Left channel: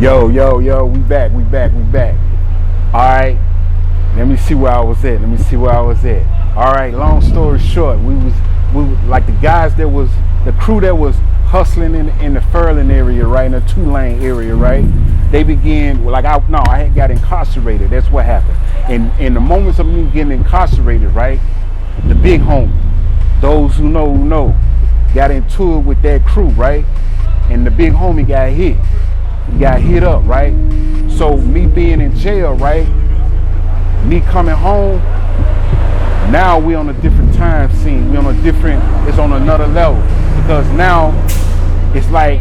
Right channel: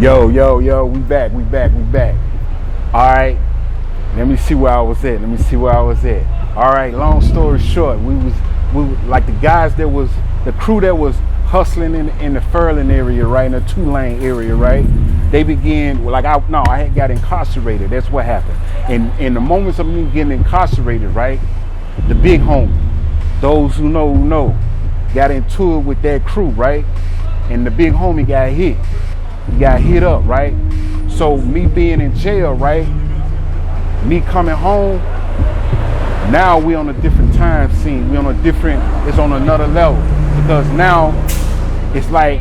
Yo, we back. All right, let me see where I was at. All right, long story short, we like the guys the crew that was hustling in the Furlan area, right, in the two-lane area, right? They began, I had got incarcerated. That's what happened. And in the moments of me getting incarcerated, right, the big homie, those who know, got into it with that crew, right? And the big homie got hit. He got hit up, right? So me being in jail, right? Me coming home, now we on a different time scene. It's on another level. Because now it's like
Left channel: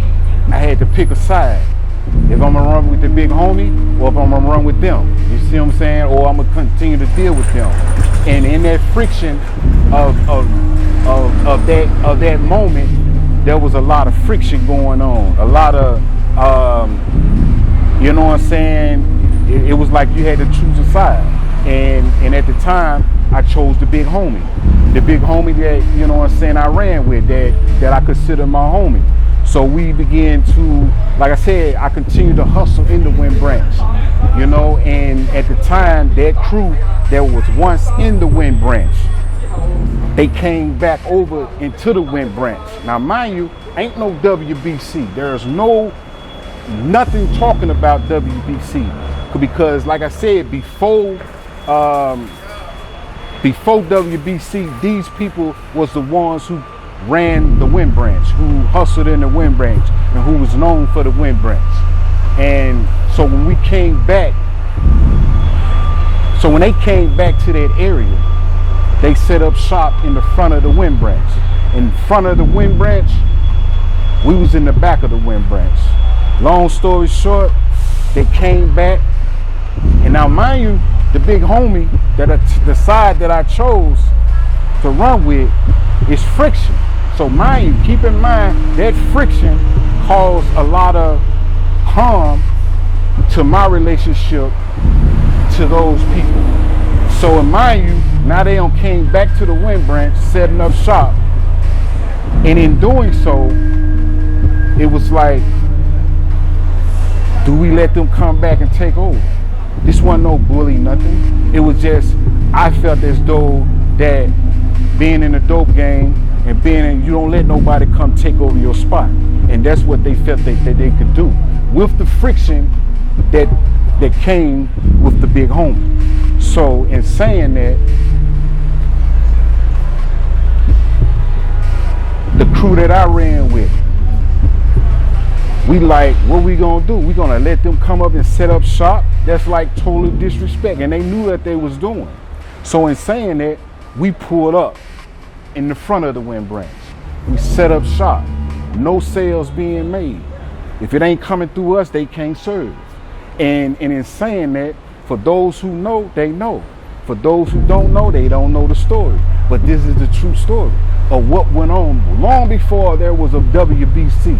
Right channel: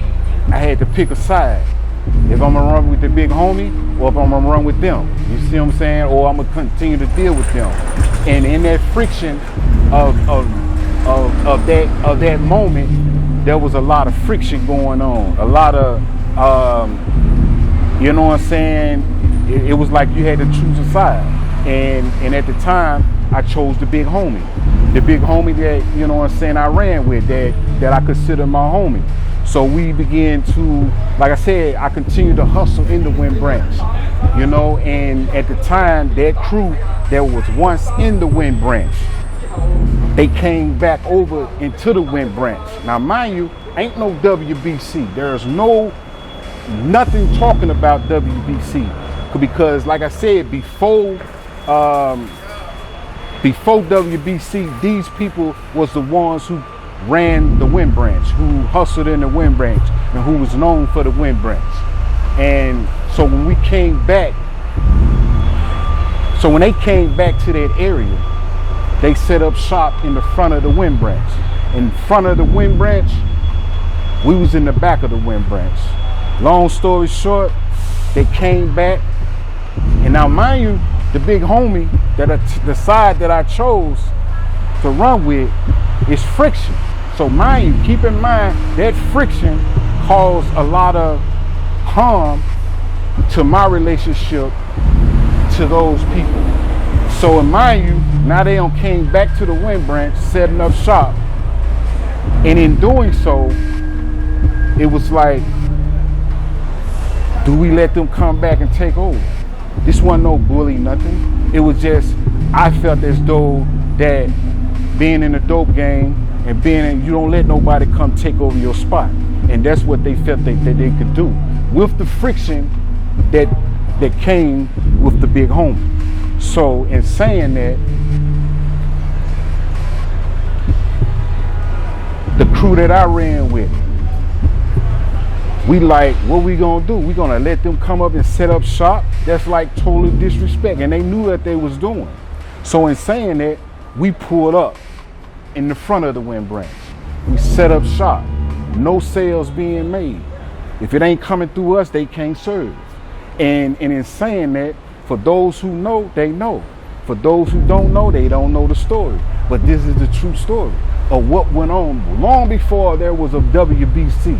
I had to pick a side. If I'm gonna run with the big homie or if I'm gonna run with them. You see what I'm saying? Or I'm gonna continue to deal with them. And in that friction of that moment, there was a lot of friction going on. A lot of you know what I'm saying? It was like you had to choose a side. And at the time, I chose the big homie. The big homie that, you know what I'm saying, I ran with, that I consider my homie. So we began to, like I said, I continued to hustle in the Wind Branch, you know, and at the time, that crew that was once in the Wind Branch, they came back over into the Wind Branch. Now, mind you, ain't no W.B.C. There's nothing talking about W.B.C. because, like I said, before W.B.C., these people was the ones who ran the Wind Branch, who hustled in the Wind Branch, and who was known for the Wind Branch. And so when they came back to that area, they set up shop in the front of the Wind Branch. In front of the Wind Branch, we was in the back of the Wind Branch. Long story short, they came back, and now mind you, the big homie, the side that I chose to run with is friction. So mind you, keep in mind that friction caused a lot of harm to my relationship to those people. So mind you, now they came back to the Wind Branch, setting up shop, and in doing so, it was like, do we let them come back and take over? This wasn't no bully, nothing. It was just, I felt as though that being in the dope game and you don't let nobody come take over your spot. And that's what they felt that they could do with the friction that came with the big homie. So in saying that, the crew that I ran with, we like, what we gonna do? We gonna let them come up and set up shop? That's like total disrespect, and they knew that they was doing. So in saying that, we pulled up in the front of the Wind Branch. We set up shop, no sales being made. If it ain't coming through us, they can't serve. And in saying that, for those who know, they know. For those who don't know, they don't know the story. But this is the true story of what went on long before there was a W.B.C.